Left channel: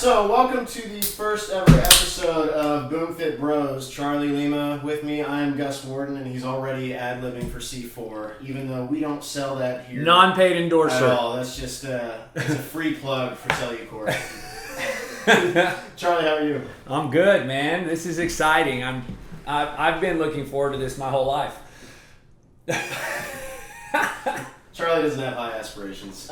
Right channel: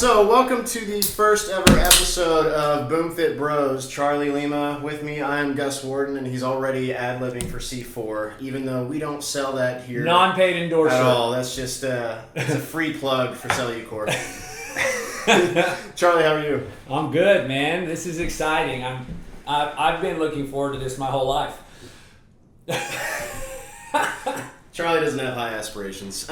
So, welcome to the first ever episode of BoomFitBros. Charlie Lima with me. I am Gus Warden, and he's already ad-libbing for C4, even though we don't sell that here. Non-paid endorsement. At all. That's just it's a free plug for Cellucor. Charlie, how are you? I'm good, man. This is exciting. I've been looking forward to this my whole life. Charlie doesn't have high aspirations.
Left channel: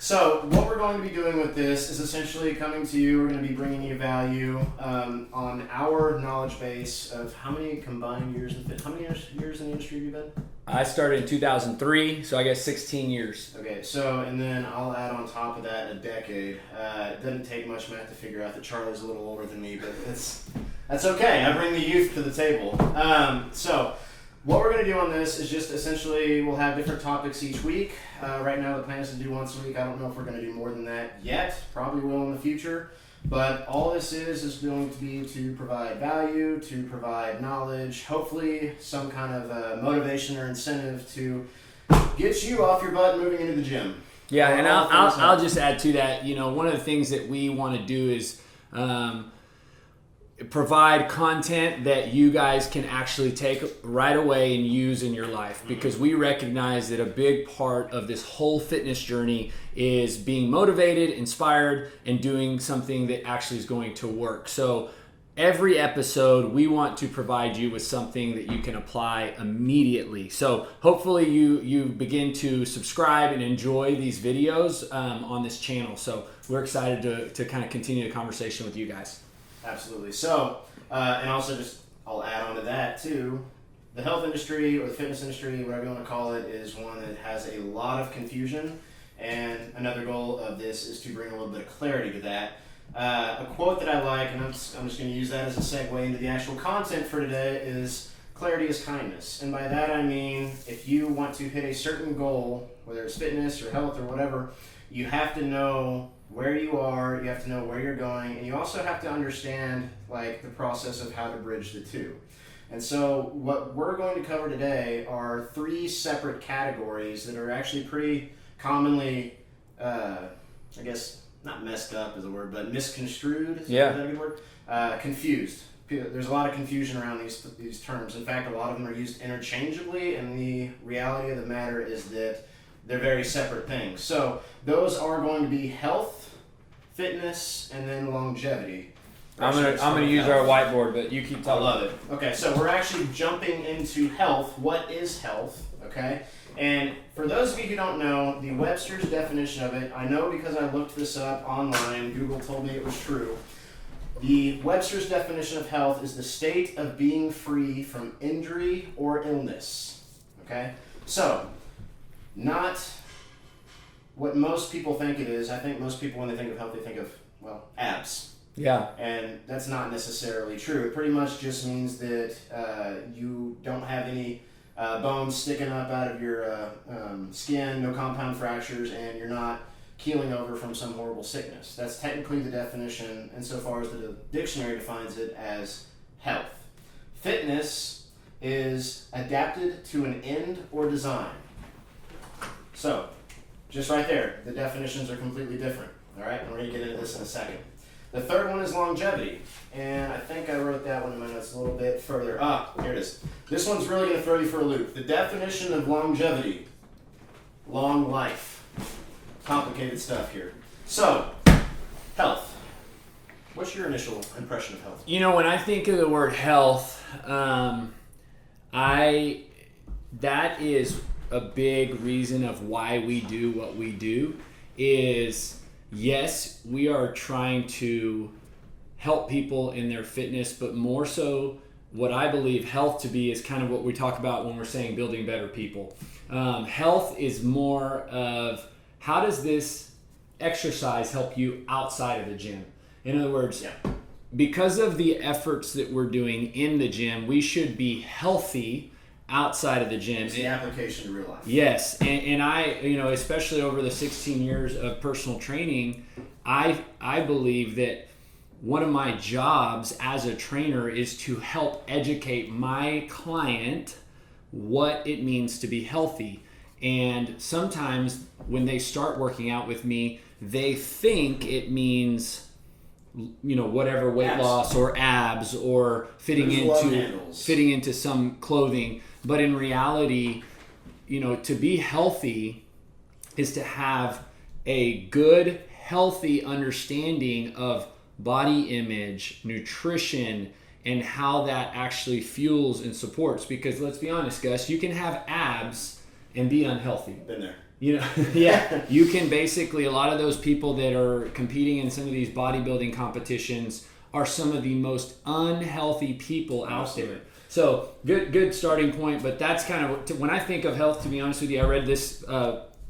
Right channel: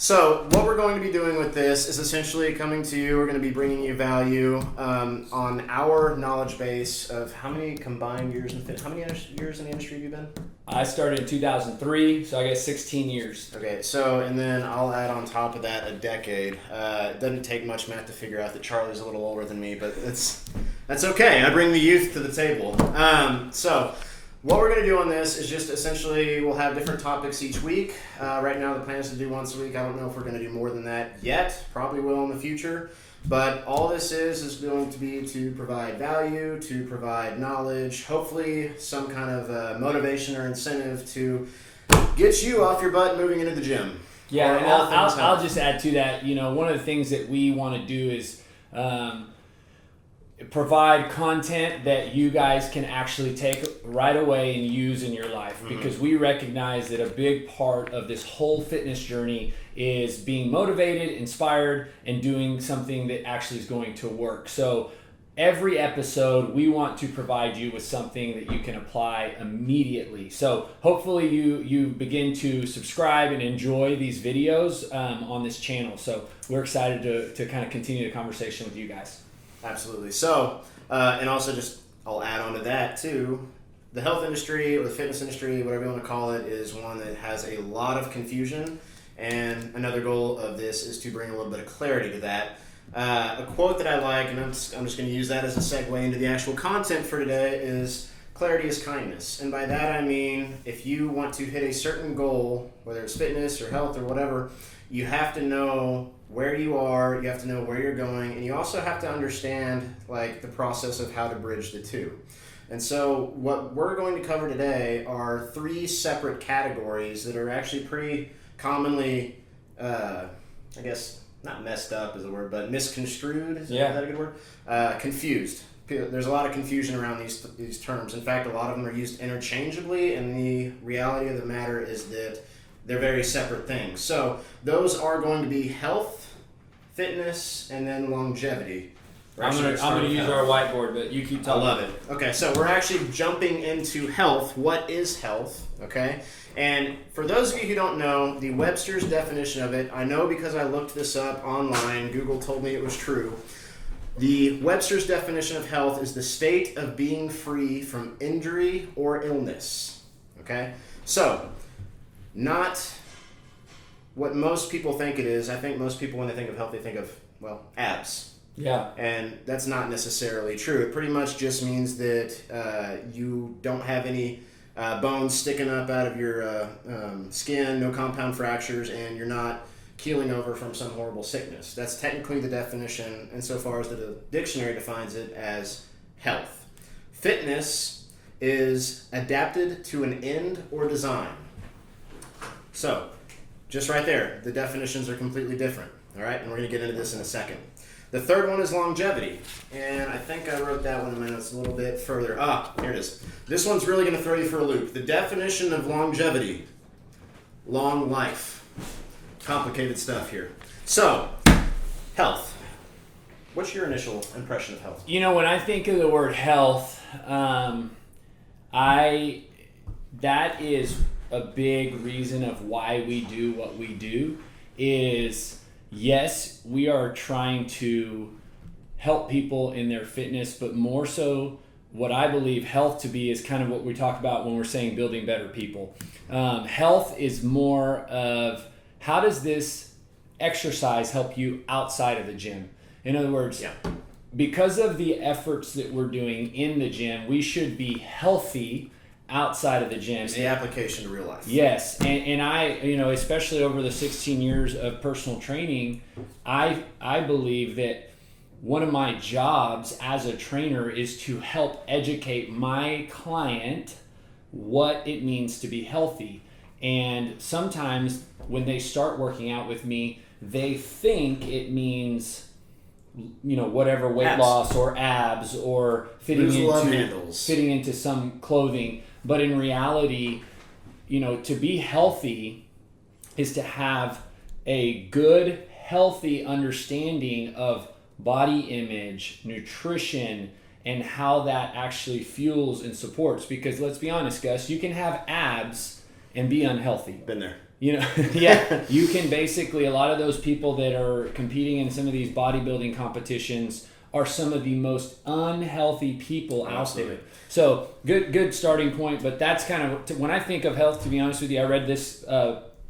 So what we're going to be doing with this is essentially coming to you. We're going to be bringing you value on our knowledge base of how many combined years in how many years in the industry have you been? I started in 2003, so I guess 16 years. Okay, so and then I'll add on top of that a decade. It doesn't take much math to figure out that Charlie's a little older than me, but that's okay. I bring the youth to the table. So what we're going to do on this is just essentially we'll have different topics each week. Right now the plan is to do once a week. I don't know if we're going to do more than that yet. Probably will in the future. But all this is going to be to provide value, to provide knowledge, hopefully some kind of motivation or incentive to get you off your butt moving into the gym. Yeah, and I'll just add to that, one of the things that we want to do is provide content that you guys can actually take right away and use in your life, because we recognize that a big part of this whole fitness journey is being motivated, inspired, and doing something that actually is going to work. So every episode we want to provide you with something that you can apply immediately. So hopefully you begin to subscribe and enjoy these videos on this channel. So we're excited to kind of continue the conversation with you guys. Absolutely. So, and also I'll add on to that too, the health industry or the fitness industry, whatever you want to call it, is one that has a lot of confusion. And another goal of this is to bring a little bit of clarity to that. A quote that I like, and I'm just going to use that as a segue into the actual content for today, is clarity is kindness. And by that I mean, if you want to hit a certain goal, whether it's fitness or health or whatever, you have to know where you are, you have to know where you're going, and you also have to understand the process of how to bridge the two. And so what we're going to cover today are three separate categories that are actually pretty commonly, I guess, not messed up is a word, but misconstrued, is that a good word? Confused. There's a lot of confusion around these terms. In fact, a lot of them are used interchangeably, and the reality of the matter is that they're very separate things. So those are going to be health, fitness, and then longevity. I'm gonna use our whiteboard, but you keep talking. I love it. Okay, so we're actually jumping into health. What is health? Okay, and for those of you who don't know, the Webster's definition of it, I know because I looked this up online. Google told me it was true. The Webster's definition of health is the state of being free from injury or illness. Okay, so not what most people think it is. I think most people, when they think of health, they think of, abs. Yeah. And that's not necessarily true. It pretty much just means that you don't have any bones sticking up out of your skin, no compound fractures, and you're not keeling over from some horrible sickness. That's technically the definition, insofar as the dictionary defines it as health. Fitness is adapted to an end or design. So, just right there, the definitions are completely different, all right? And we're going to get into this in a second. The third one is longevity, and I think I wrote that one in my notes a little bit further. Here it is. This one's really going to throw you for a loop. The definition of longevity, long life. Complicated stuff here. So, health. What's your initial impression of health? When I think of the word health, that is a big reason of why we do what we do is, yes, we are trying to help people in their fitness, but more so what I believe health to be is kind of what we talk about when we're saying building better people. Health is more of how does this exercise help you outside of the gym? In other words, because of the efforts that we're doing in the gym, we should be healthy outside of the gym. It's the application to real life. Yes, and I, especially over the 16 years of personal training, I believe that one of my jobs as a trainer is to help educate my client what it means to be healthy. And sometimes when they start working out with me, they think it means, whatever weight Abs. loss or abs or fitting Lose love handles. fitting into some clothing. But in reality, to be healthy is to have a good, healthy understanding of body image, nutrition, and how that actually fuels and supports. Because let's be honest, Gus, you can have abs and be unhealthy. Been there. Yeah, you can basically, a lot of those people that are competing in some of these bodybuilding competitions are some of the most unhealthy people out there. So good starting point, but that's kind of, when I think of health, to be honest with you, I read this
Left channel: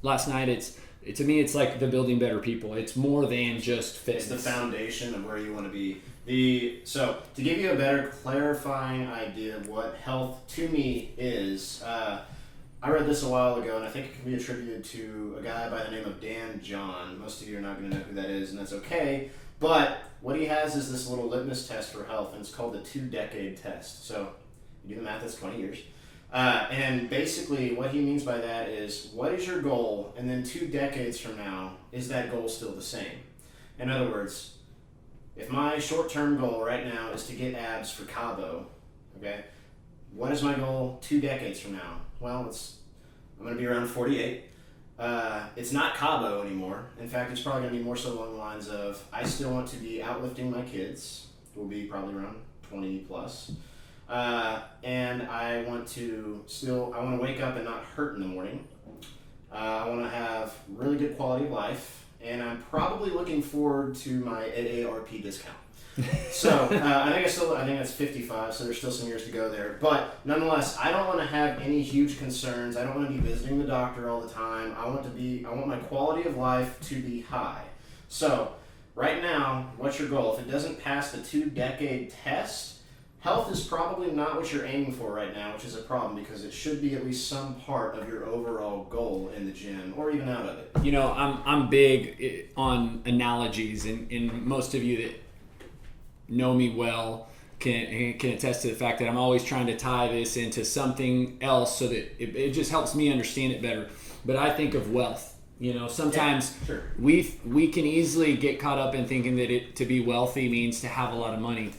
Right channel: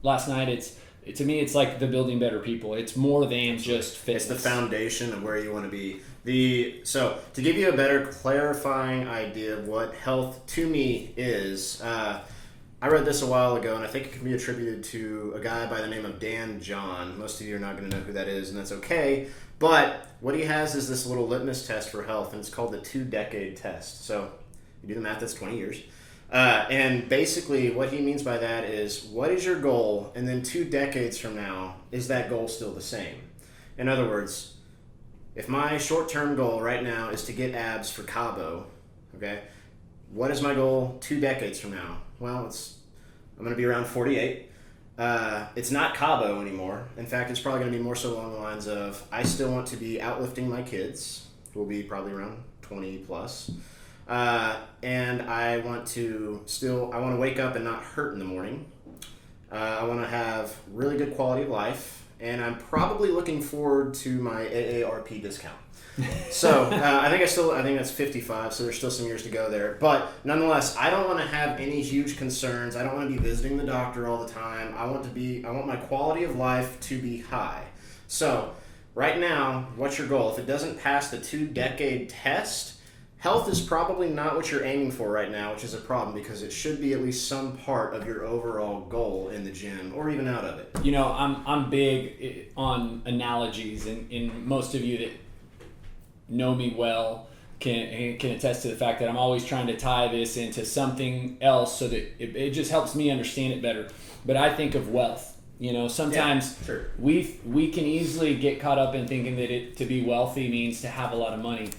last night, to me, it's like the building better people. It's more than just fitness. It's the foundation of where you want to be. So to give you a better clarifying idea of what health to me is, I read this a while ago, and I think it can be attributed to a guy by the name of Dan John. Most of you are not going to know who that is, and that's okay. But what he has is this little litmus test for health, and it's called the 2-decade test. So you do the math, that's 20 years. And basically what he means by that is, what is your goal? And then 2 decades from now, is that goal still the same? In other words, if my short-term goal right now is to get abs for Cabo, okay, what is my goal 2 decades from now? Well, I'm going to be around 48. It's not Cabo anymore. In fact, it's probably going to be more so along the lines of, I still want to be outlifting my kids, who will be probably around 20 plus. And I want to wake up and not hurt in the morning. I want to have really good quality of life, and I'm probably looking forward to my AARP discount. So I think that's 55, so there's still some years to go there. But nonetheless, I don't want to have any huge concerns. I don't want to be visiting the doctor all the time. I want my quality of life to be high. So right now, what's your goal? If it doesn't pass the 2-decade test, health is probably not what you're aiming for right now, which is a problem, because it should be at least some part of your overall goal in the gym, or even out of it. I'm big on analogies, and most of you that know me well can attest to the fact that I'm always trying to tie this into something else so that it just helps me understand it better. But I think of wealth. Sometimes we can easily get caught up in thinking that to be wealthy means to have a lot of money.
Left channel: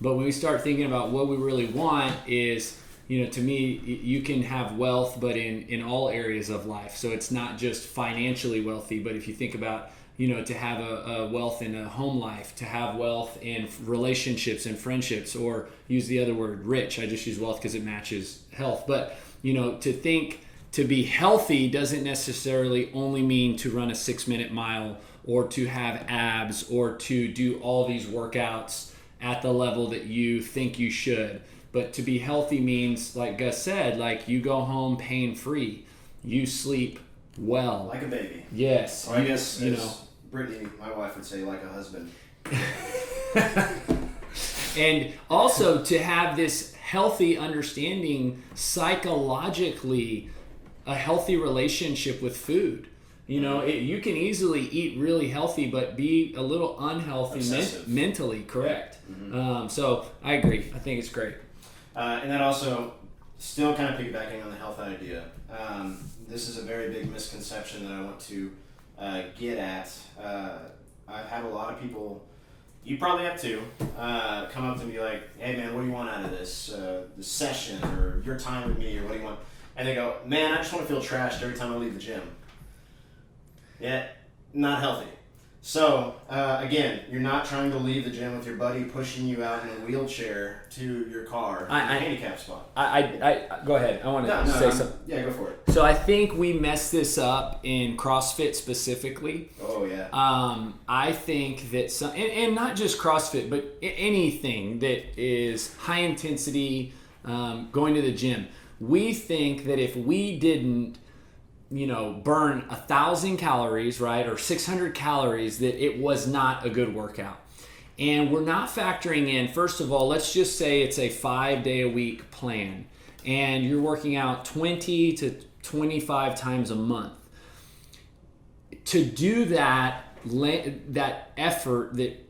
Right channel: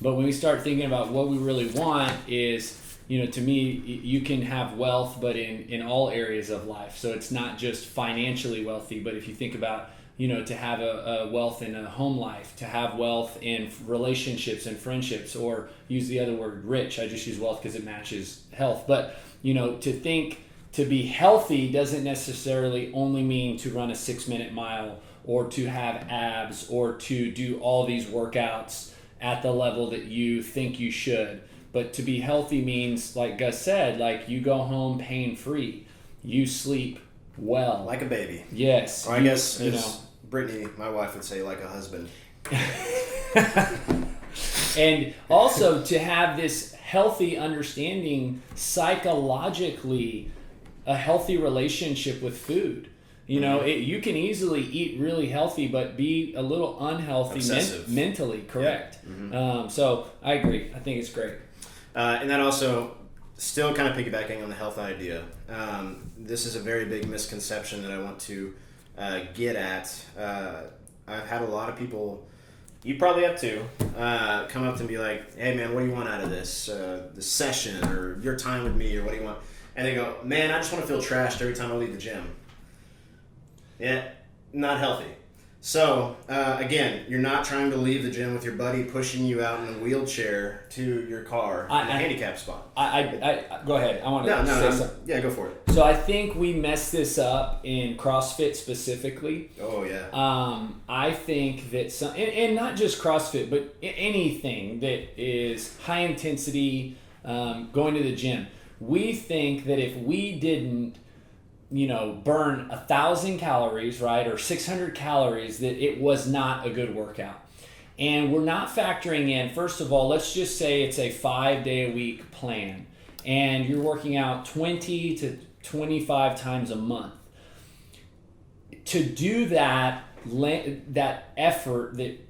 But when we start thinking about what we really want is, to me, you can have wealth, but in all areas of life. So it's not just financially wealthy, but if you think about, to have a wealth in a home life, to have wealth in relationships and friendships, or use the other word, rich. I just use wealth because it matches health. But, to be healthy doesn't necessarily only mean to run a 6-minute mile, or to have abs, or to do all these workouts at the level that you think you should. But to be healthy means, like Gus said, like you go home pain-free. You sleep well. Like a baby. Yes. Or I guess, as Brittany, my wife, would say, like a husband. And also to have this healthy understanding psychologically, a healthy relationship with food. You can easily eat really healthy, but be a little unhealthy mentally, correct? Yeah. Mm-hmm. So I agree. I think it's great. And that also, still kind of piggybacking on the health idea, this is a very big misconception that I want to get at. I've had a lot of people, you probably have too, come up to me like, hey man, what do you want out of this session, or your time with me, or what do you want? And they go, man, I just want to feel trashed every time I leave the gym. Yeah, not healthy. So, again, you're not trying to leave the gym with your buddy pushing you out in a wheelchair to your car in a handicap spot. I go ahead. I want to say something. Yeah, go for it. So I think we mess this up in CrossFit specifically. Oh, yeah. I think that and not just CrossFit, but anything that is high intensity, going to the gym. We think that if we didn't burn 1,000 calories, right, or 600 calories, that it was not a good workout. And we're not factoring in, first of all, let's just say it's a 5-day-a-week plan, and you're working out 20 to 25 times a month. To do that effort that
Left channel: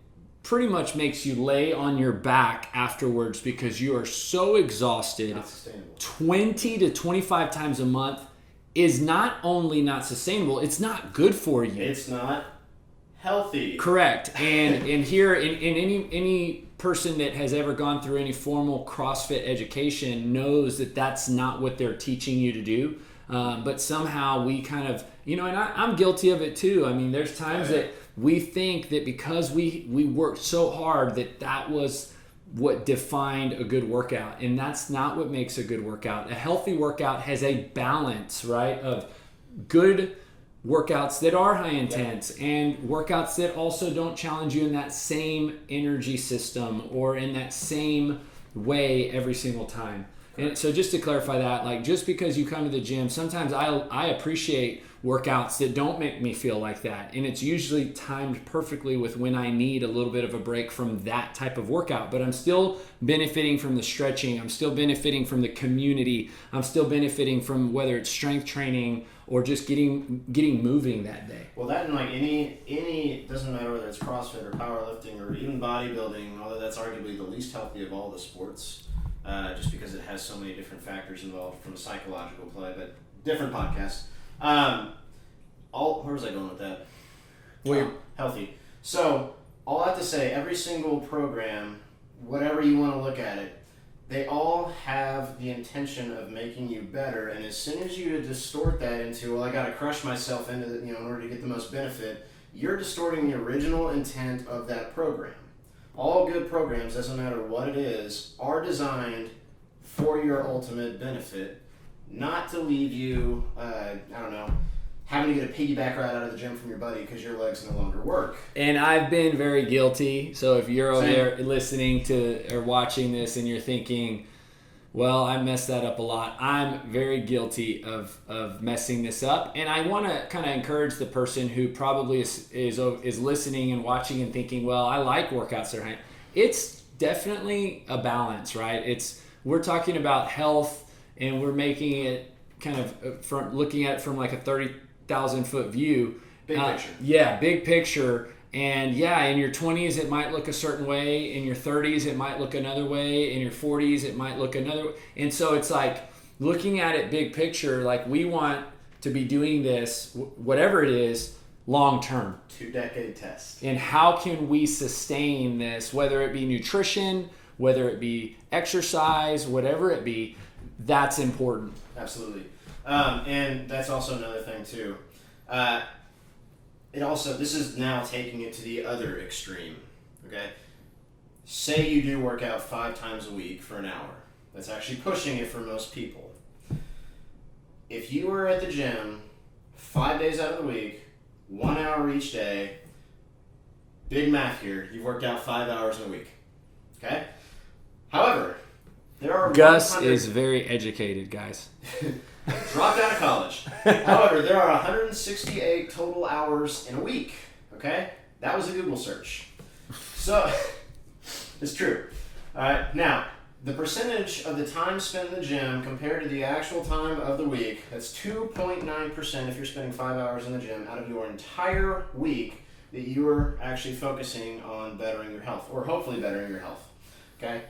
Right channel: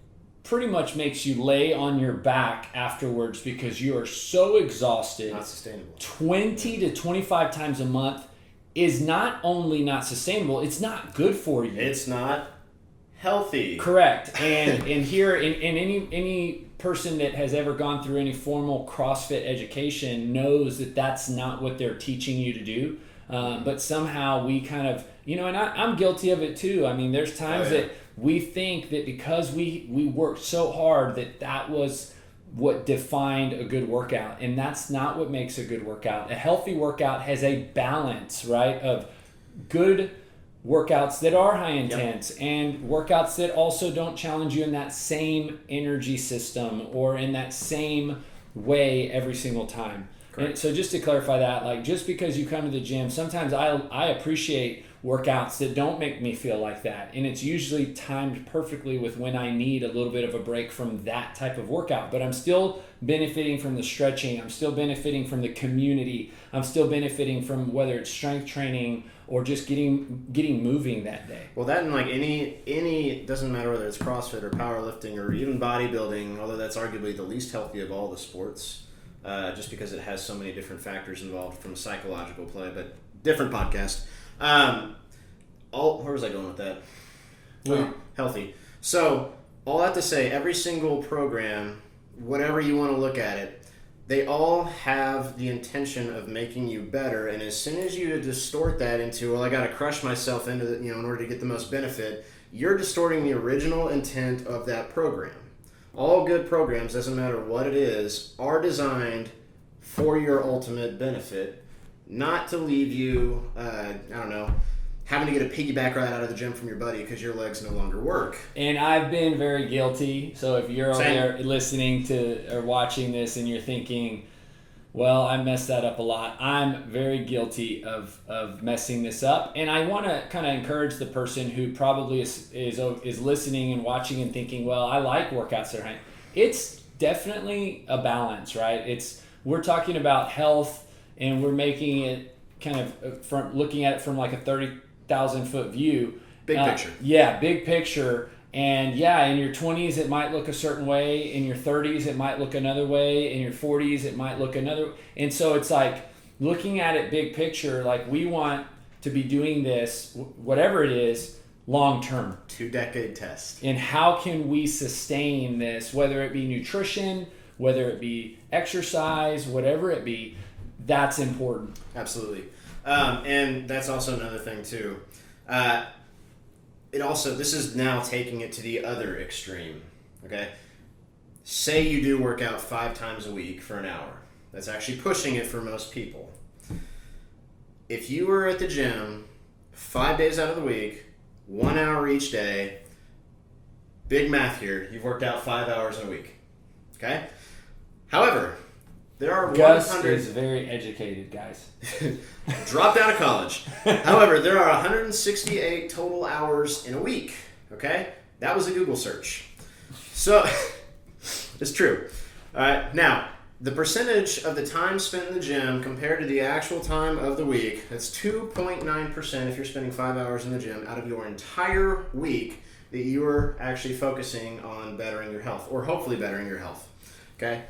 pretty much makes you lay on your back afterwards because you are so exhausted, not sustainable. 20 to 25 times a month is not only not sustainable, it's not good for you. It's not. healthy. Correct. And here, in any person that has ever gone through any formal CrossFit education knows that that's not what they're teaching you to do. But somehow we kind of, and I'm guilty of it too. I mean, there's times that we think that because we worked so hard that was what defined a good workout, and that's not what makes a good workout. A healthy workout has a balance, right, of good workouts that are high intense and workouts that also don't challenge you in that same energy system or in that same way every single time. And so just to clarify that, like, just because you come to the gym, sometimes I appreciate workouts that don't make me feel like that. And it's usually timed perfectly with when I need a little bit of a break from that type of workout. But I'm still benefiting from the stretching. I'm still benefiting from the community. I'm still benefiting from whether it's strength training or just getting moving that day. Well, that and like any doesn't matter whether it's CrossFit or powerlifting or even bodybuilding, although that's arguably the least healthy of all the sports. Just because it has so many different factors involved from a psychological play, but different podcast. Where was I going with that? Healthy. So, all I have to say, every single program, whatever you want to look at it, they all have the intention of making you better, and as soon as you distort that into, well, I got to crush myself into the, in order to get the most benefit, you're distorting the original intent of that program. All good programs, doesn't matter what it is, are designed for your ultimate benefit, not to leave you, having to get a piggyback ride out of the gym from your buddy because your legs no longer work. And I've been very guilty. So if you're over there listening to or watching this and you're thinking, well, I messed that up a lot, I'm very guilty of messing this up. And I want to kind of encourage the person who probably is listening and watching and thinking, well, I like workouts that are high. It's definitely a balance, right? We're talking about health, and we're making it kind of from looking at it from like a 30,000 foot view. Big picture. Yeah, big picture. And yeah, in your 20s, it might look a certain way. In your 30s, it might look another way. In your 40s, it might look another. And so it's like looking at it big picture, like we want to be doing this, whatever it is, long term. 2-decade test. And how can we sustain this, whether it be nutrition, whether it be exercise, whatever it be, that's important. Absolutely. And that's also another thing too. This is now taking it to the other extreme, okay? Say you do work out 5 times a week for an hour. That's actually pushing it for most people. If you were at the gym 5 days out of the week, 1 hour each day, big math here, you've worked out 5 hours in a week, okay? However, there are Gus is very educated, guys. Dropped out of college. However, there are 168 total hours in a week. Okay? That was a Google search. So, it's true. All right. Now, the percentage of the time spent in the gym compared to the actual time of the week, that's 2.9% if you're spending 5 hours in the gym out of your entire week that you are actually focusing on bettering your health, or hopefully bettering your health. Okay?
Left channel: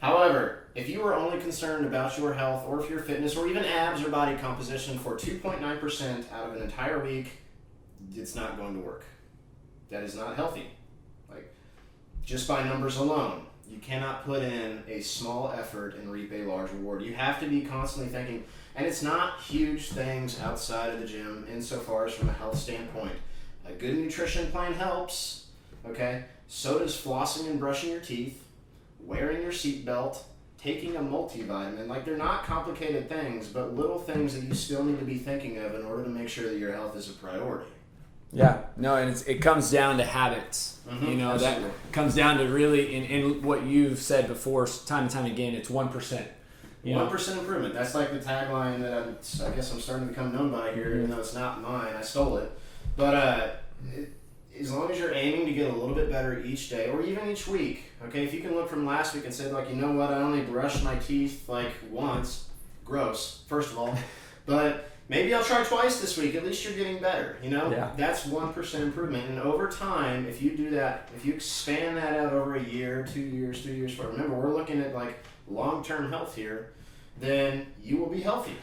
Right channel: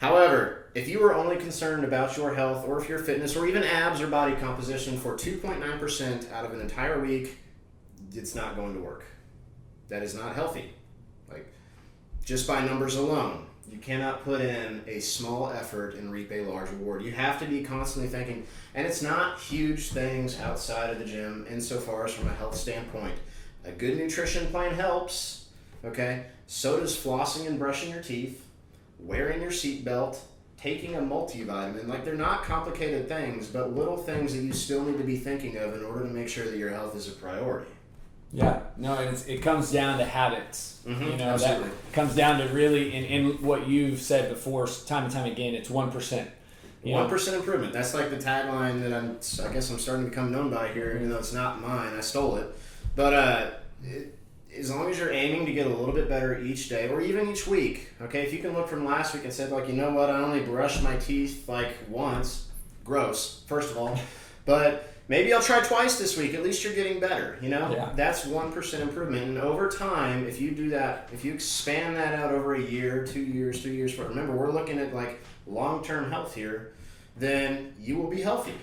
However, if you are only concerned about your health or if your fitness or even abs or body composition for 2.9% out of an entire week, it's not going to work. That is not healthy. Like, just by numbers alone, you cannot put in a small effort and reap a large reward. You have to be constantly thinking, and it's not huge things outside of the gym insofar as from a health standpoint. A good nutrition plan helps, okay? So does flossing and brushing your teeth, wearing your seatbelt, taking a multivitamin. Like, they're not complicated things, but little things that you still need to be thinking of in order to make sure that your health is a priority. Yeah, no, and it comes down to habits. Mm-hmm, absolutely. That comes down to really, and what you've said before, time and time again, it's 1%. 1% improvement. That's like the tagline that I guess I'm starting to become known by here, even though it's not mine. I stole it. But as long as you're aiming to get a little bit better each day or even each week, okay? If you can look from last week and say, like, you know what, I only brushed my teeth like once. Gross, first of all. But maybe I'll try twice this week. At least you're getting better, Yeah. That's 1% improvement. And over time, if you do that, if you expand that out over a year, 2 years, 3 years, remember, we're looking at like long-term health here, then you will be healthy.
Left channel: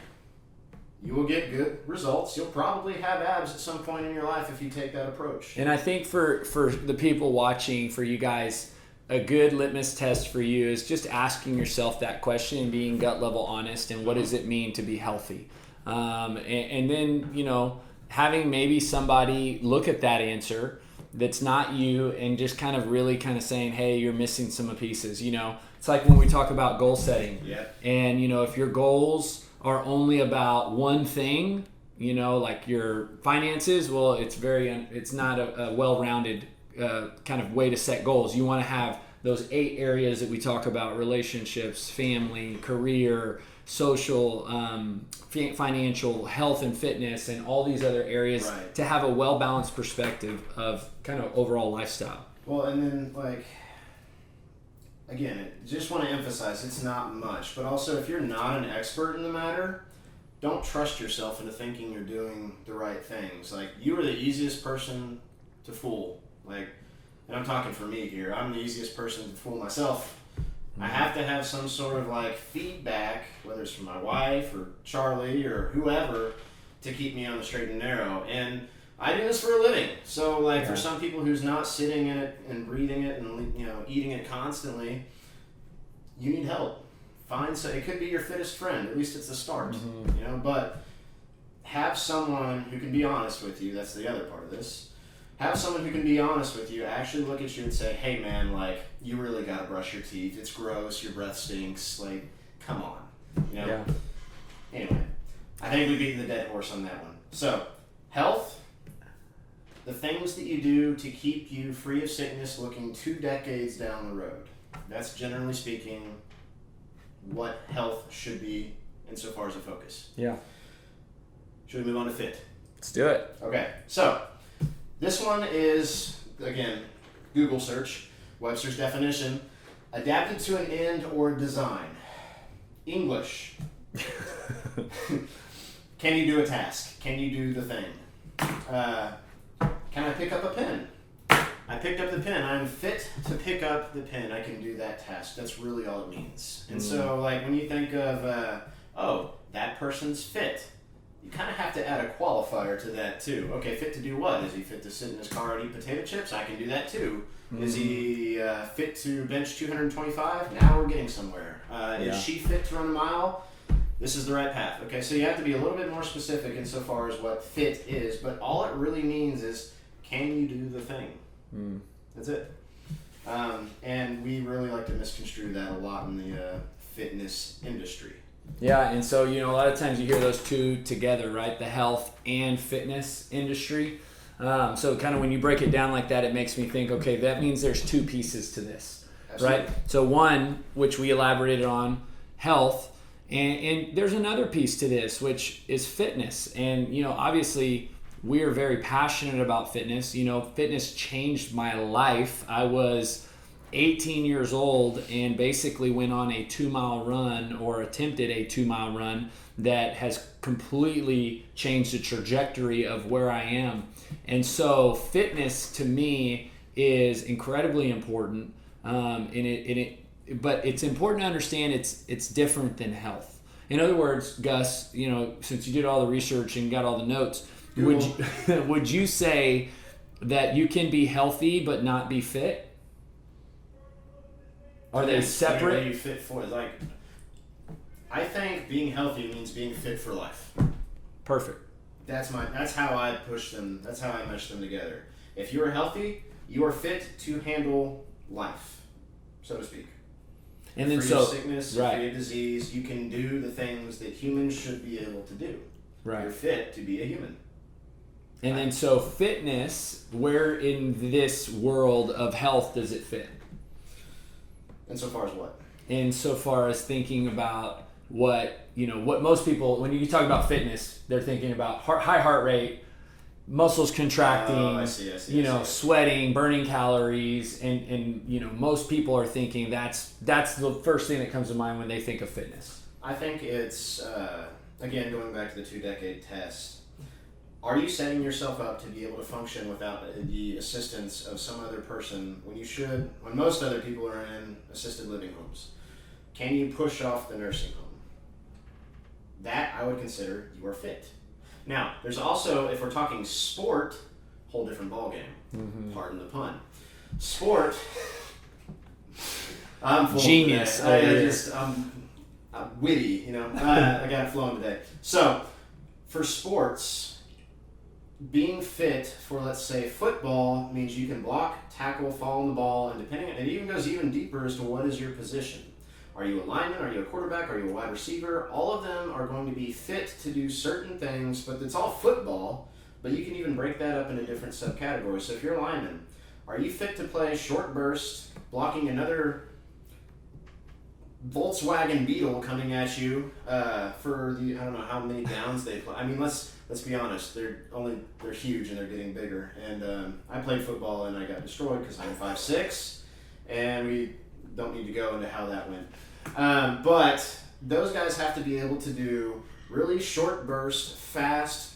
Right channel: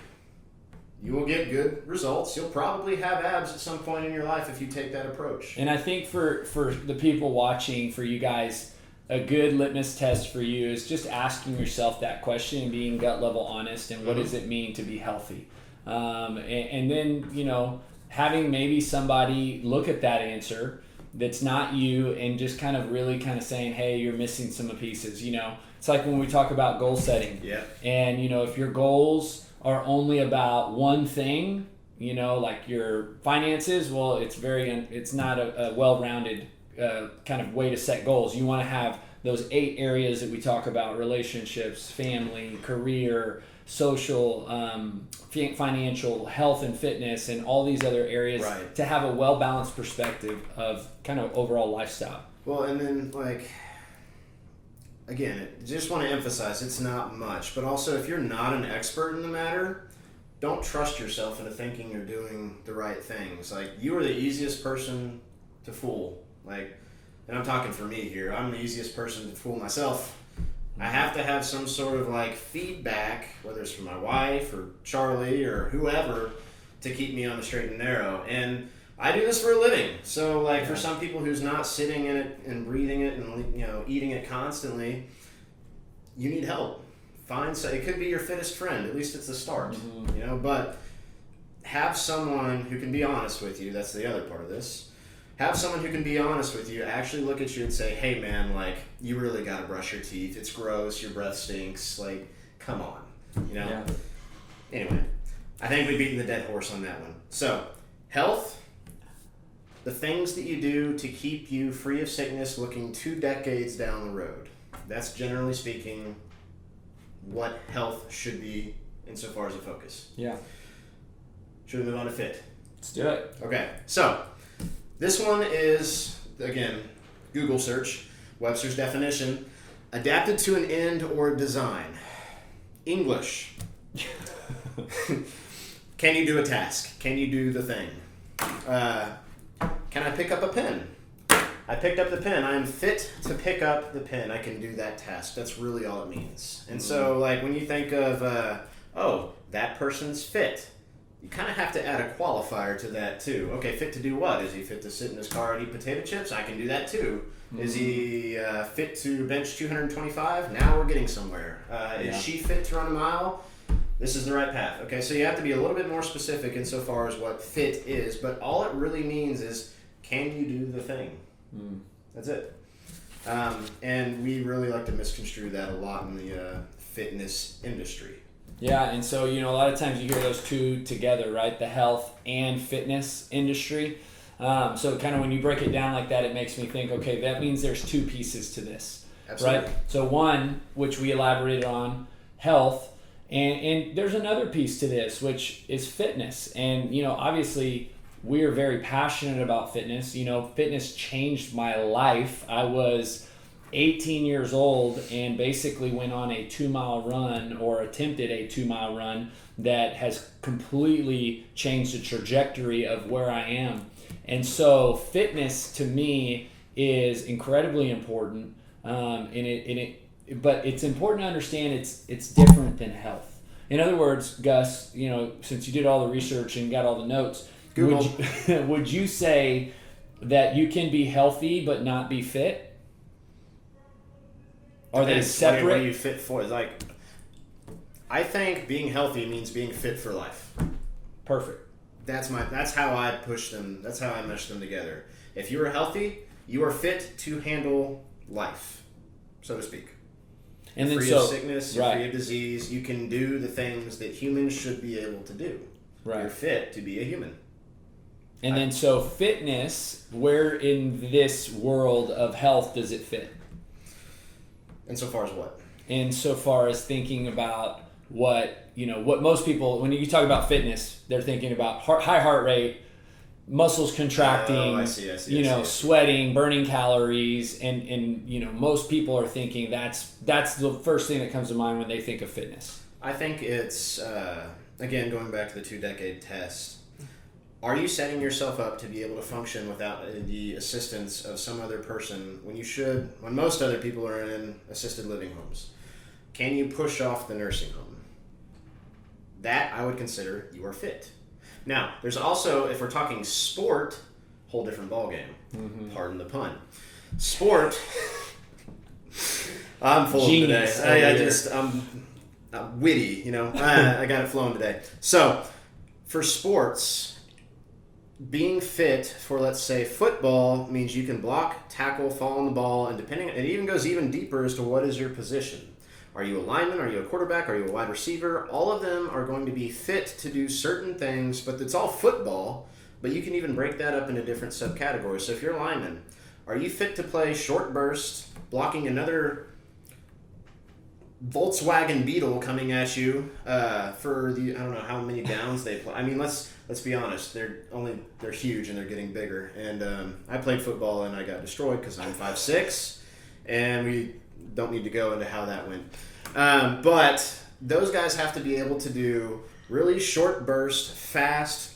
you will get good results. You'll probably have abs at some point in your life if you take that approach. And I think for the people watching, for you guys, a good litmus test for you is just asking yourself that question and being gut level honest, and what does it mean to be healthy? And then, having maybe somebody look at that answer that's not you and just kind of really kind of saying, hey, you're missing some pieces. It's like when we talk about goal setting. Yeah. And, if your goals are only about one thing, like your finances, well, it's not a well-rounded kind of way to set goals. You want to have those 8 areas that we talk about: relationships, family, career, social, financial, health and fitness, and all these other areas, right, to have a well-balanced perspective of kind of overall lifestyle. Well, and then again, just want to emphasize it's not much, but also if you're not an expert in the matter, don't trust yourself into thinking you're doing the right things. You are the easiest person to fool. And I'm talking for me here. I'm the easiest person to fool myself. I have to have some sort of feedback, whether it's from my wife or Charlie or whoever, to keep me on the straight and narrow. And I do this for a living. So for some people who's not sitting in it and breathing it and eating it constantly, you need help. It could be your fittest friend. At least it's the start. But have someone who can be honest with you. That's the other part of this. Have someone who can be honest with you, actually look at you and say, hey man, you really gotta brush your teeth. It's gross, your breath stinks, come on. Yeah. Anyway, I think we've beaten the dead horse on that one. So, health, the things that you do to keep you free of sickness looking 2 decades down the road. That's generally speaking what health should be insofar as a focus. Yeah. Should we move on to fit? Let's do it. Okay, so this one is, again, Google search, Webster's definition, adapted to an end or design. English. Can you do a task? Can you do the thing? Can I pick up a pen? I picked up the pen. I am fit to pick up the pen. I can do that task. That's really all it means. And so, when you think of, that person's fit, you kind of have to add a qualifier to that too. Okay, fit to do what? Is he fit to sit in his car and eat potato chips? I can do that too. Is he fit to bench 225? Now we're getting somewhere. Is she fit to run a mile? This is the right path. Okay, so you have to be a little bit more specific insofar as what fit is, but all it really means is, can you do the thing? That's it. And we really like to misconstrue that a lot in the fitness industry. Yeah, and so, a lot of times you hear those two together, right? The health and fitness industry. So kind of when you break it down like that, it makes me think, okay, that means there's 2 pieces to this, Absolutely. Right? So one, which we elaborated on, health, and there's another piece to this, which is fitness. And, obviously we are very passionate about fitness. Fitness changed my life. I was 18 years old and basically went on a 2-mile run, or attempted a 2-mile run, that has completely changed the trajectory of where I am. And so fitness to me is incredibly important, but it's important to understand it's different than health. In other words, Gus, since you did all the research and got all the notes, would you say that you can be healthy but not be fit? Are they separate? What are you fit for? I think being healthy means being fit for life. Perfect. That's how I push them. That's how I mesh them together. If you are healthy, you are fit to handle life, so to speak. And you're then free of sickness, you're right. free of disease. You can do the things that humans should be able to do. Right. You're fit to be a human. And then so fitness, where in this world of health does it fit? Insofar as what? Insofar as thinking about what most people, when you talk about fitness, they're thinking about high heart rate, muscles contracting, I see. sweating, burning calories, and most people are thinking that's the first thing that comes to mind when they think of fitness. I think it's, again, going back to the 2-decade test, are you setting yourself up to be able to function without the assistance of some other person when most other people are in assisted living homes? Can you push off the nursing home? that I would consider you are fit. Now, there's also, if we're talking sport, whole different ballgame. Mm-hmm. Pardon the pun. Sport. I'm full Genius today. I'm witty, you know. I got it flowing today. So, for sports, being fit for, let's say, football means you can block, tackle, fall on the ball, and it even goes even deeper as to what is your position. Are you a lineman? Are you a quarterback? Are you a wide receiver? All of them are going to be fit to do certain things, but it's all football. But you can even break that up into different subcategories. So if you're a lineman, are you fit to play short burst, blocking another Volkswagen Beetle coming at you for I don't know how many downs they play. I mean, let's be honest. They're huge and they're getting bigger. And I played football and I got destroyed because I'm 5'6", and we don't need to go into how that went. But those guys have to be able to do really short burst, fast,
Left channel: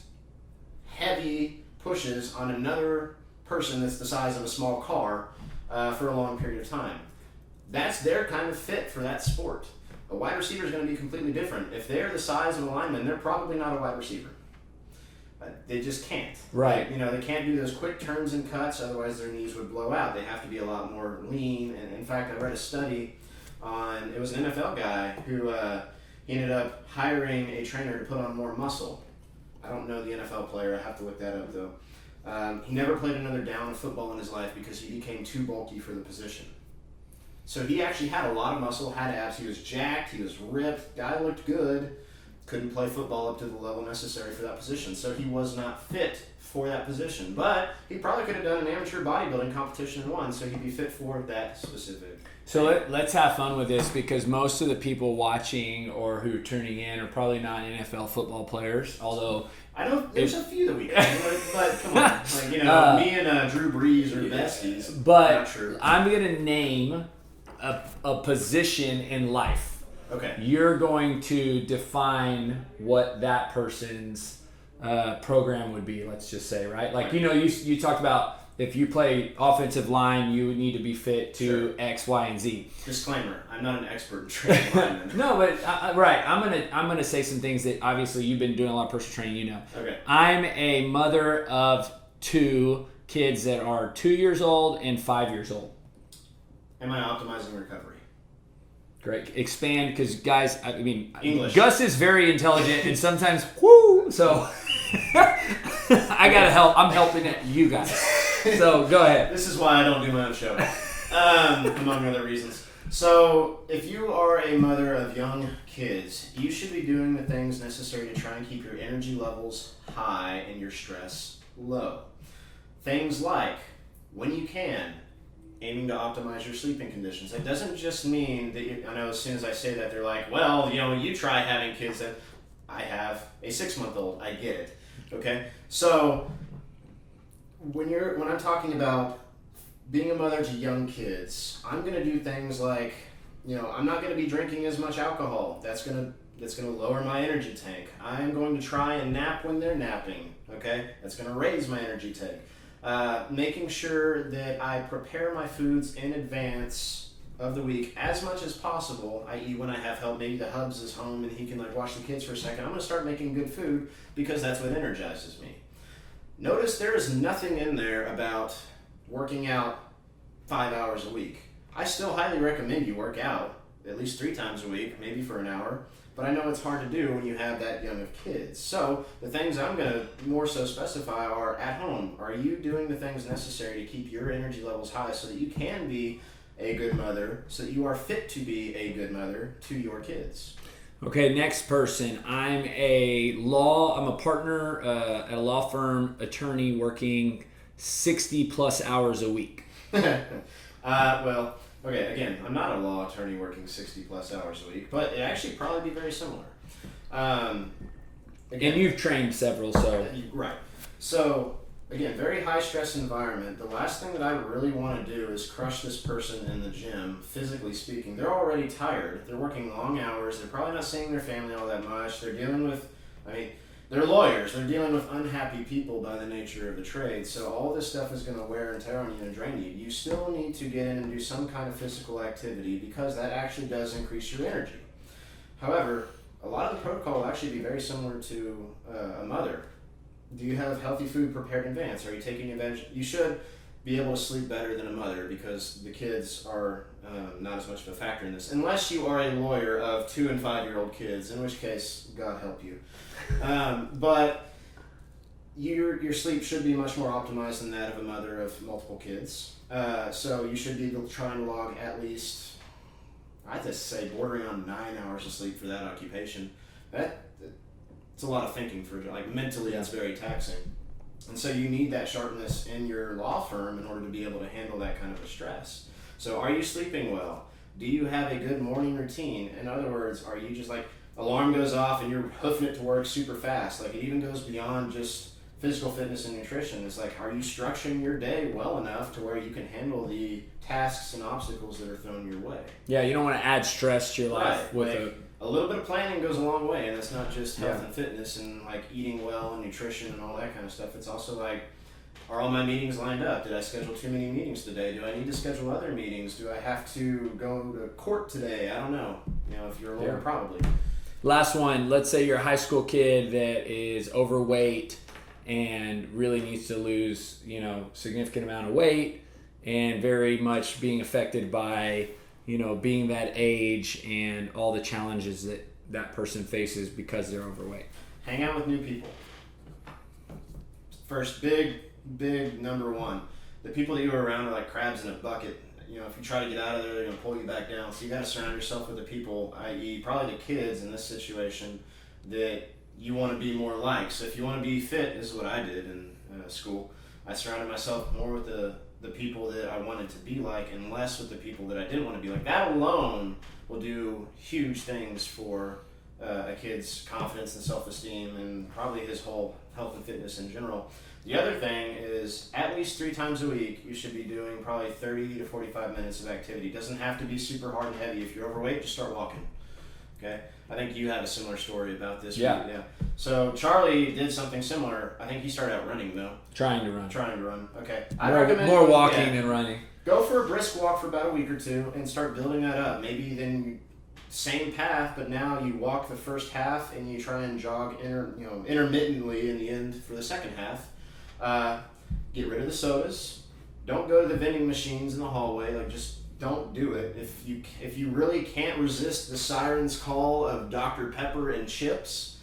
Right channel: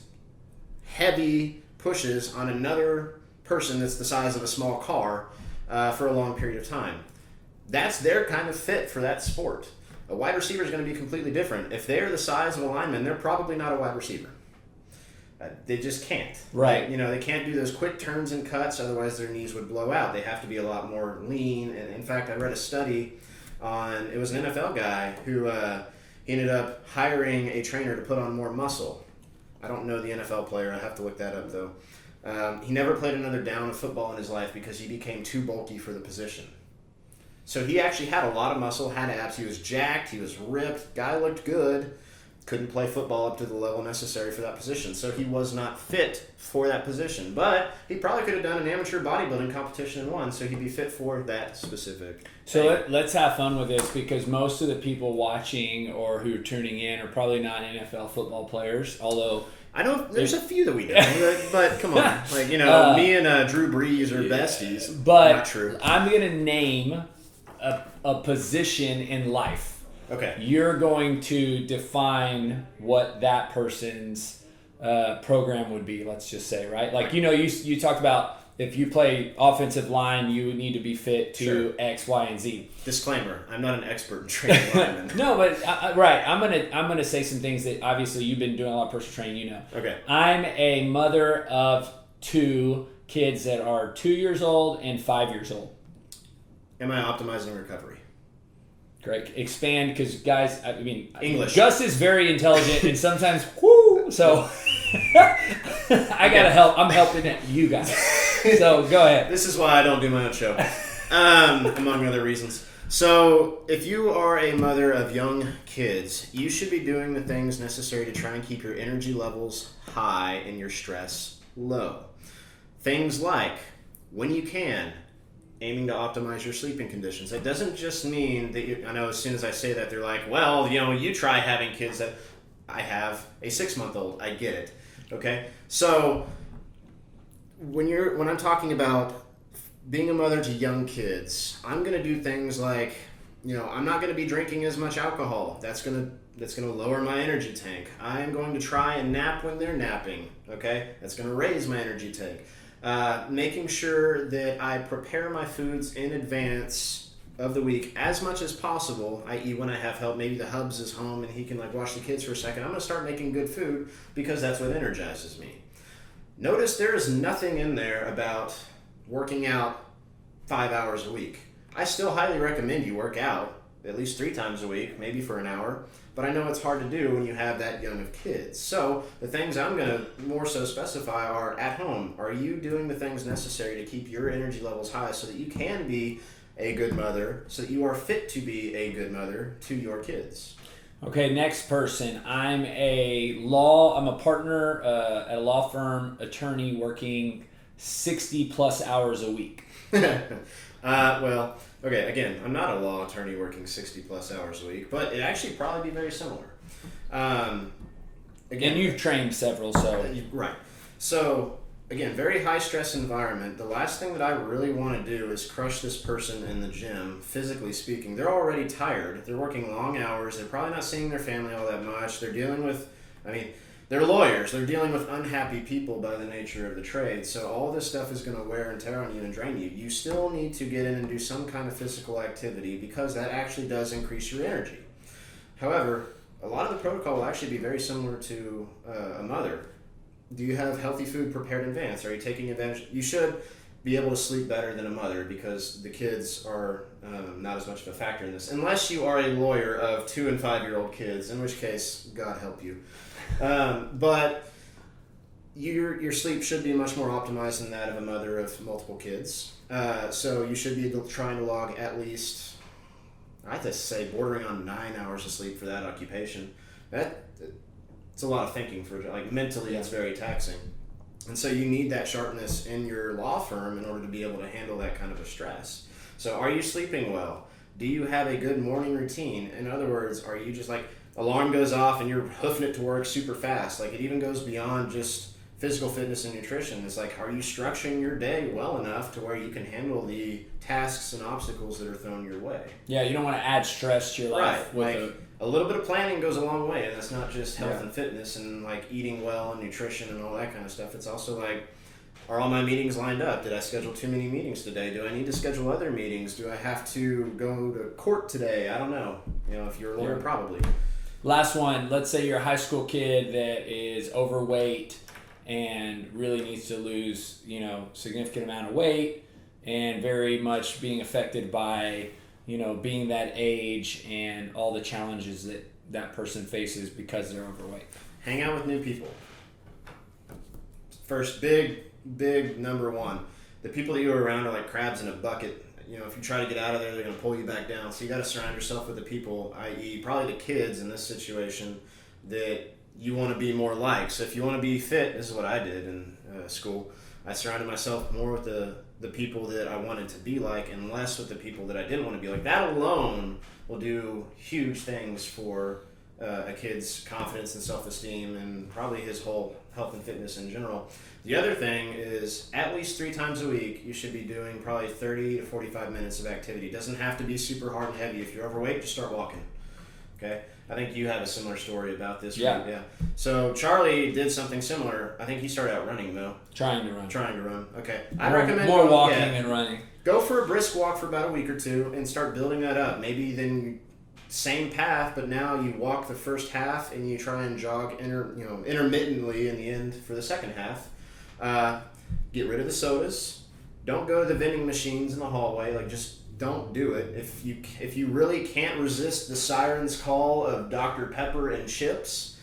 heavy pushes on another person that's the size of a small car for a long period of time. That's their kind of fit for that sport. A wide receiver is going to be completely different. If they are the size of a lineman, they're probably not a wide receiver. They just can't. Right. You know, they can't do those quick turns and cuts, otherwise their knees would blow out. They have to be a lot more lean. And in fact, I read a study on, it was an NFL guy who he ended up hiring a trainer to put on more muscle. I don't know the NFL player. I have to look that up, though. He never played another down of football in his life because he became too bulky for the position. So he actually had a lot of muscle, had abs. He was jacked. He was ripped. Guy looked good. Couldn't play football up to the level necessary for that position. So he was not fit for that position. But he probably could have done an amateur bodybuilding competition and won, so he'd be fit for that specific So let's have fun with this, because most of the people watching or who are tuning in are probably not NFL football players, although I know there's a few that we know, but come on. Like, you know, me and Drew Brees are besties. But not true. I'm going to name a position in life. Okay. You're going to define what that person's program would be, let's just say, right? Like, you know, you talked about if you play offensive line, you would need to be fit to Sure. X, Y, and Z. Disclaimer: I'm not an expert in training linemen. No, but right. I'm gonna say some things that obviously you've been doing a lot of personal training. You know. Okay. I'm a mother of 2 kids that are 2 years old and 5 years old. Am I optimizing recovery? Great. Expand, because guys, I mean, English. Gus is very intelligent and sometimes whoo. So I gotta help. I'm helping you guys. So go ahead. This is why I don't do my own show, among other reasons. So if you are a mother of young kids, you should be doing the things necessary to try and keep your energy levels high and your stress low. Things like, when you can, aiming to optimize your sleeping conditions. It doesn't just mean that I know as soon as I say that, they're like, well, you know, you try having kids. That I have a 6-month-old. I get it. Okay? So when I'm talking about being a mother to young kids, I'm going to do things like, you know, I'm not going to be drinking as much alcohol. That's going to lower my energy tank. I'm going to try and nap when they're napping. Okay? That's going to raise my energy tank. Making sure that I prepare my foods in advance of the week as much as possible, i.e. when I have help, maybe the hubs is home and he can like watch the kids for a second. I'm going to start making good food because that's what energizes me. Notice there is nothing in there about working out 5 hours a week. I still highly recommend you work out at least 3 times a week, maybe for an hour, but I know it's hard to do when you have that young of kids. So the things I'm going to more so specify are at home. Are you doing the things necessary to keep your energy levels high so that you can be a good mother, so that you are fit to be a good mother to your kids? Okay, next person. I'm a partner at a law firm, attorney, working 60 plus hours a week. Well, okay, again, I'm not a law attorney working 60 plus hours a week, but it actually probably be very similar. Again, you've trained several, so. Right. So, again, very high stress environment. The last thing that I really want to do is crush this person in the gym, physically speaking. They're already tired. They're working long hours. They're probably not seeing their family all that much. They're dealing with, they're lawyers. They're dealing with unhappy people by the nature of the trade. So all this stuff is going to wear and tear on you and drain you. You still need to get in and do some kind of physical activity because that actually does increase your energy. However, a lot of the protocol will actually be very similar to a mother. Do you have healthy food prepared in advance? Are you taking advantage? You should be able to sleep better than a mother because the kids are not as much of a factor in this. Unless you are a lawyer of 2 and 5-year-old kids, in which case, God help you. But your sleep should be much more optimized than that of a mother of multiple kids. So you should be trying to log at least, I'd just say, bordering on 9 hours of sleep for that occupation. It's a lot of thinking for, like, mentally it's very taxing. And so you need that sharpness in your law firm in order to be able to handle that kind of a stress. So are you sleeping well? Do you have a good morning routine? In other words, are you just like, alarm goes off and you're hoofing it to work super fast? Like, it even goes beyond just physical fitness and nutrition. It's like, are you structuring your day well enough to where you can handle the tasks and obstacles that are thrown your way? Yeah, you don't want to add stress to your life. Right. A little bit of planning goes a long way, and that's not just health and fitness and like eating well and nutrition and all that kind of stuff. It's also like, are all my meetings lined up? Did I schedule too many meetings today? Do I need to schedule other meetings? Do I have to go to court today? I don't know. If you're a lawyer, probably. Last one, let's say you're a high school kid that is overweight and really needs to lose, significant amount of weight and very much being affected by being that age and all the challenges that person faces because they're overweight. Hang out with new people. First, big number one. The people that you're around are like crabs in a bucket. If you try to get out of there, they're going to pull you back down. So you got to surround yourself with the people, i.e. probably the kids in this situation, that you want to be more like. So if you want to be fit, this is what I did in school. I surrounded myself more with the people that I wanted to be like and less with the people that I didn't want to be like. That alone will do huge things for a kid's confidence and self-esteem and probably his whole health and fitness in general. The other thing is at least 3 times a week you should be doing probably 30 to 45 minutes of activity. It doesn't have to be super hard and heavy. If you're overweight, just start walking. Okay? I think you had a similar story about this. Yeah. So Charlie did something similar. I think he started out running though. Trying to run. Okay. I recommend more walking than running. Go for a brisk walk for about a week or two and start building that up. Maybe then same path, but now you walk the first half and you try and jog intermittently in the end for the second half. Get rid of the sodas. Don't go to the vending machines in the hallway. Like, just don't do it. If you really can't resist the siren's call of Dr. Pepper and chips,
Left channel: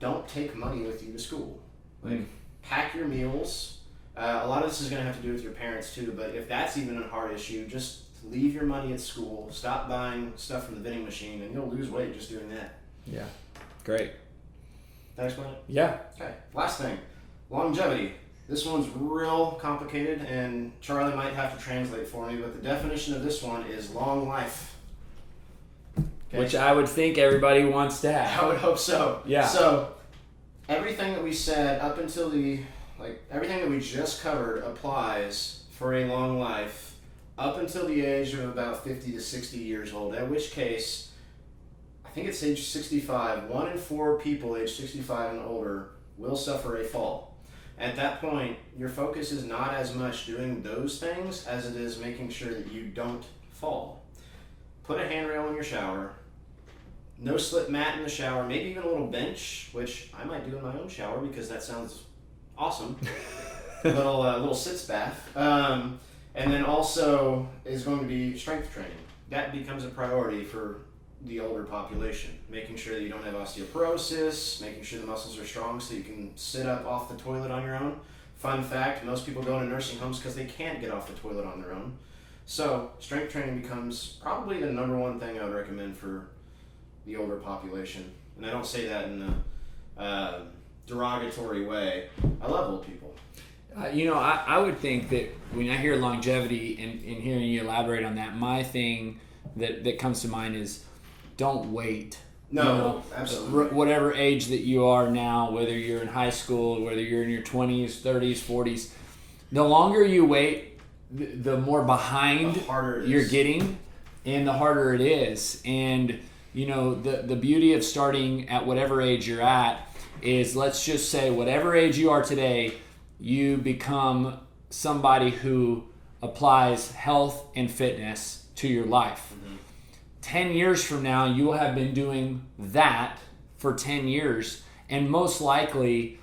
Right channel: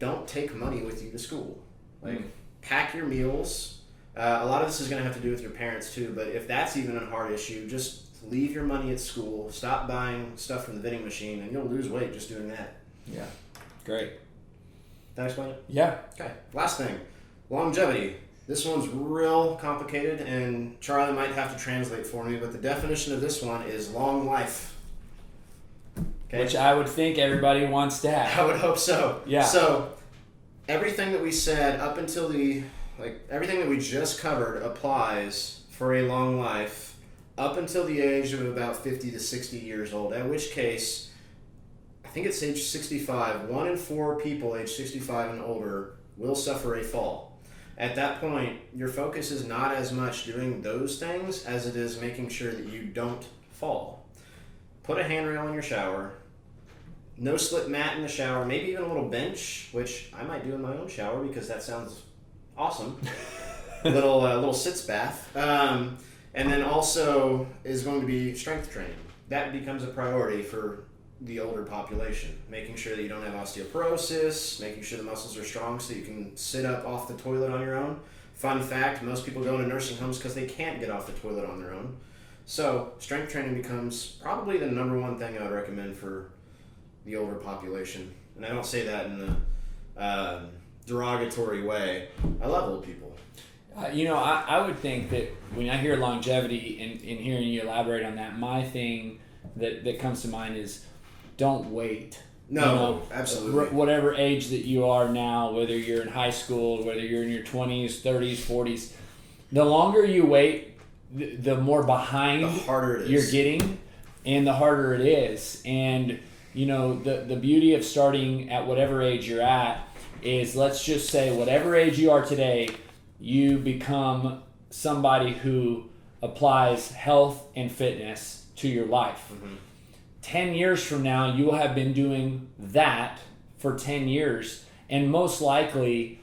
don't take money with you to school. Like, pack your meals. A lot of this is going to have to do with your parents too, but if that's even a hard issue, just leave your money at school. Stop buying stuff from the vending machine, and you'll lose weight just doing that. Yeah. Great. Did I explain it? Yeah. Okay. Last thing. Longevity. This one's real complicated, and Charlie might have to translate for me, but the definition of this one is long life. Okay. Which I would think everybody wants to have. I would hope so. Yeah. So, everything that we said up until everything that we just covered applies for a long life up until the age of about 50 to 60 years old, at which case, I think it's age 65, 1 in 4 people age 65 and older will suffer a fall. At that point, your focus is not as much doing those things as it is making sure that you don't fall. Put a handrail in your shower, no slip mat in the shower, maybe even a little bench, which I might do in my own shower because that sounds awesome. little sitz bath. And then also is going to be strength training. That becomes a priority for the older population, making sure that you don't have osteoporosis, making sure the muscles are strong so you can sit up off the toilet on your own. Fun fact, most people go into nursing homes because they can't get off the toilet on their own. So strength training becomes probably the number one thing I would recommend for the older population. And I don't say that in a derogatory way. I love old people. I would think that when I hear longevity and hearing you elaborate on that, my thing that comes to mind is don't wait. No, absolutely. Whatever age that you are now, whether you're in high school, whether you're in your 20s, 30s, 40s, the longer you wait, the more behind the harder it is. You're getting, and the harder it is. And, the beauty of starting at whatever age you're at is, let's just say whatever age you are today, you become somebody who applies health and fitness to your life. 10 years from now, you will have been doing that for 10 years, and most likely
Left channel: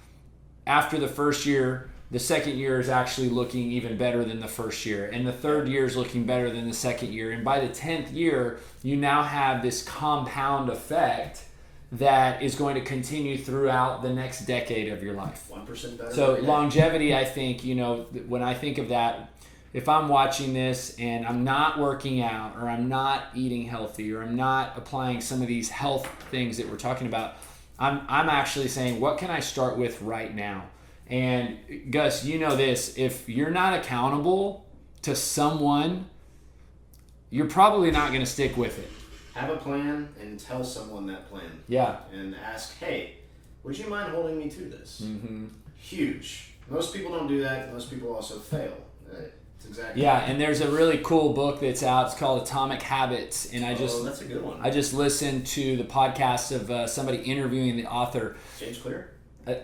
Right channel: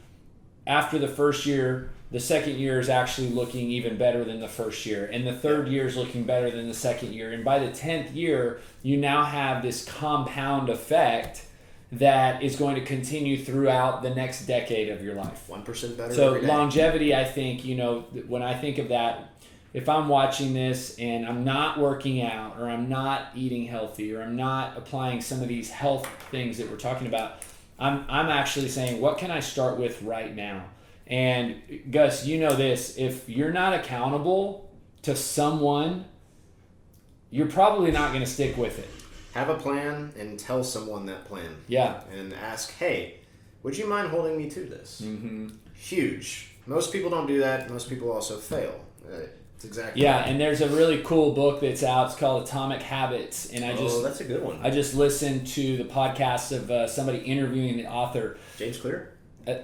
after the first year, the second year is actually looking even better than the first year, and the third year is looking better than the second year, and by the 10th year you now have this compound effect that is going to continue throughout the next decade of your life. 1% better. So every day. longevity, I think, when I think of that, if I'm watching this and I'm not working out, or I'm not eating healthy, or I'm not applying some of these health things that we're talking about, I'm actually saying, what can I start with right now? And Gus, you know this, if you're not accountable to someone, you're probably not going to stick with it. Have a plan and tell someone that plan. Yeah. And ask, hey, would you mind holding me to this? Mm-hmm. Huge. Most people don't do that. Most people also fail. It's exactly. Yeah, and there's a really cool book that's out. It's called Atomic Habits, and that's a good one. I just listened to the podcast of somebody interviewing the author. James Clear?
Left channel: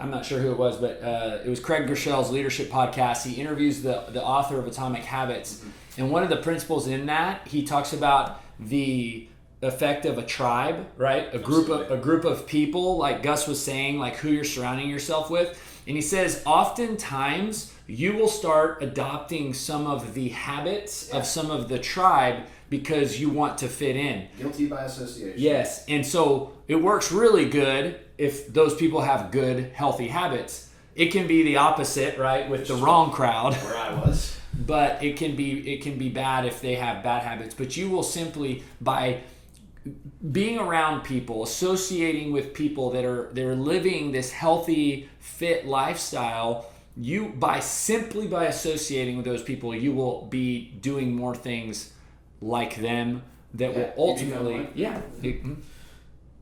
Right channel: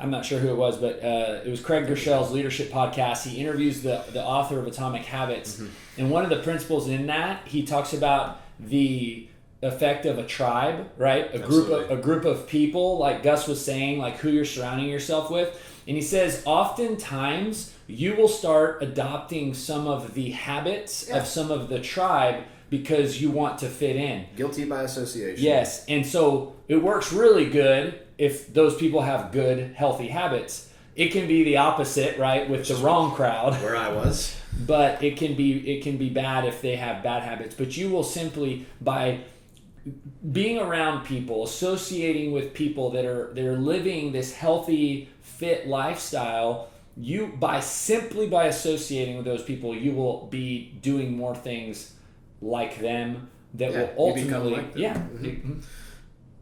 I'm not sure who it was, but it was Craig Groeschel's leadership podcast. He interviews the author of Atomic Habits, Mm-hmm. and one of the principles in that, he talks about the effect of a tribe, right? A group of people, like Gus was saying, like who you're surrounding yourself with. And he says, oftentimes you will start adopting some of the habits of some of the tribe because you want to fit in. Guilty by association. Yes, and so it works really good if those people have good, healthy habits. It can be the opposite, right, with the wrong crowd. Where I was. But it can be bad if they have bad habits. But you will simply, by being around people, associating with people that are living this healthy, fit lifestyle, simply by associating with those people, you will be doing more things like them that will ultimately, like them.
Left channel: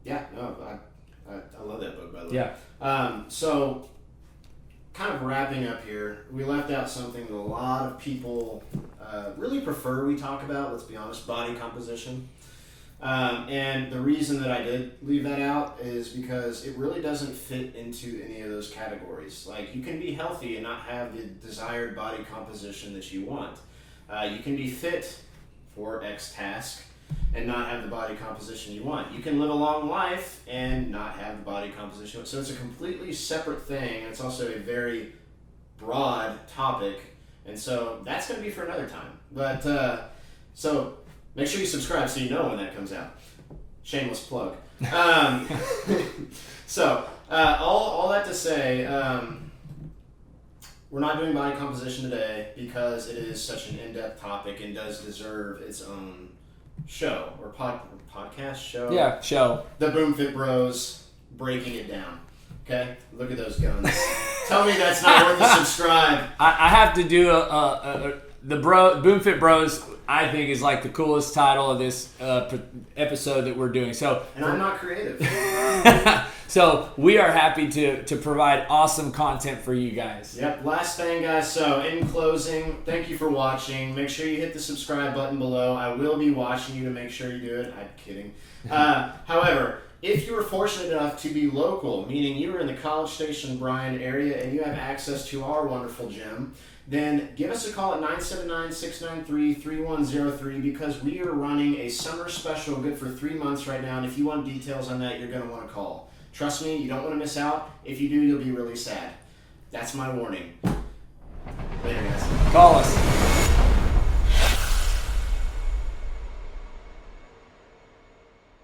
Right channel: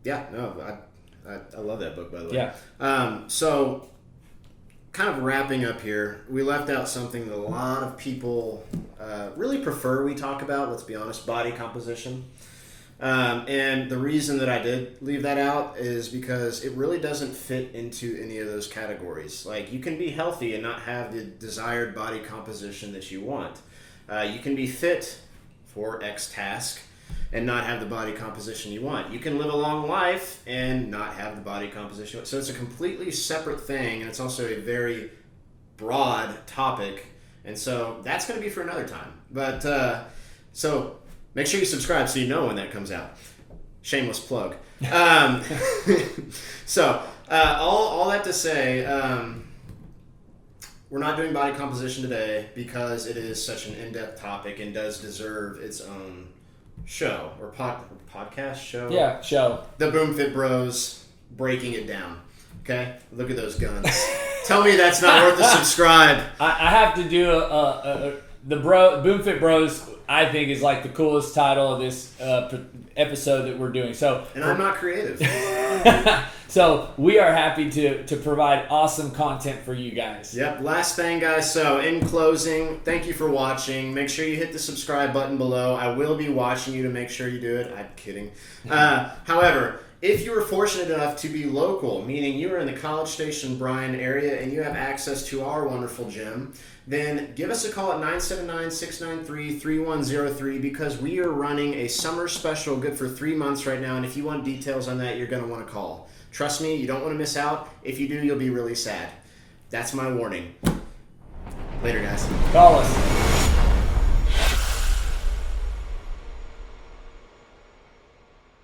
I love that book, by the way. Yeah. So, kind of wrapping up here, we left out something that a lot of people really prefer we talk about. Let's be honest, body composition. And the reason that I did leave that out is because it really doesn't fit into any of those categories. Like, you can be healthy and not have the desired body composition that you want. You can be fit for X task and not have the body composition you want. You can live a long life and not have the body composition. So it's a completely separate thing, and it's also a very broad topic. And so that's going to be for another time. But so make sure you subscribe so you know when that comes out. Shameless plug. So all that to say, we're not doing body composition today because it is such an in-depth topic and does deserve its own show or podcast show. Yeah, show. The BoomFitBros breaking it down. Okay, look at those guns. Tell me that's not worth a subscribe. I have to do the BoomFitBros. I think is like the coolest title of this episode that we're doing. So, and I'm not creative. So we are happy to provide awesome content for you guys. Yep. Last thing, guys. So in closing, thank you for watching. Make sure you hit the subscribe button below. I will be watching you to make sure you do it. I'm kidding. However, if you were fortunate enough to be local, meaning you were in the College Station, Bryan area, and you have access to our wonderful gym, then give us a call at 979-693-3103 because we are running a summer special good for 3 months right now, and if you want details on that, you're going to want to call. Trust me, you don't want to miss out. If you do, you'll be really sad. That's my warning. Later, guys. Call us.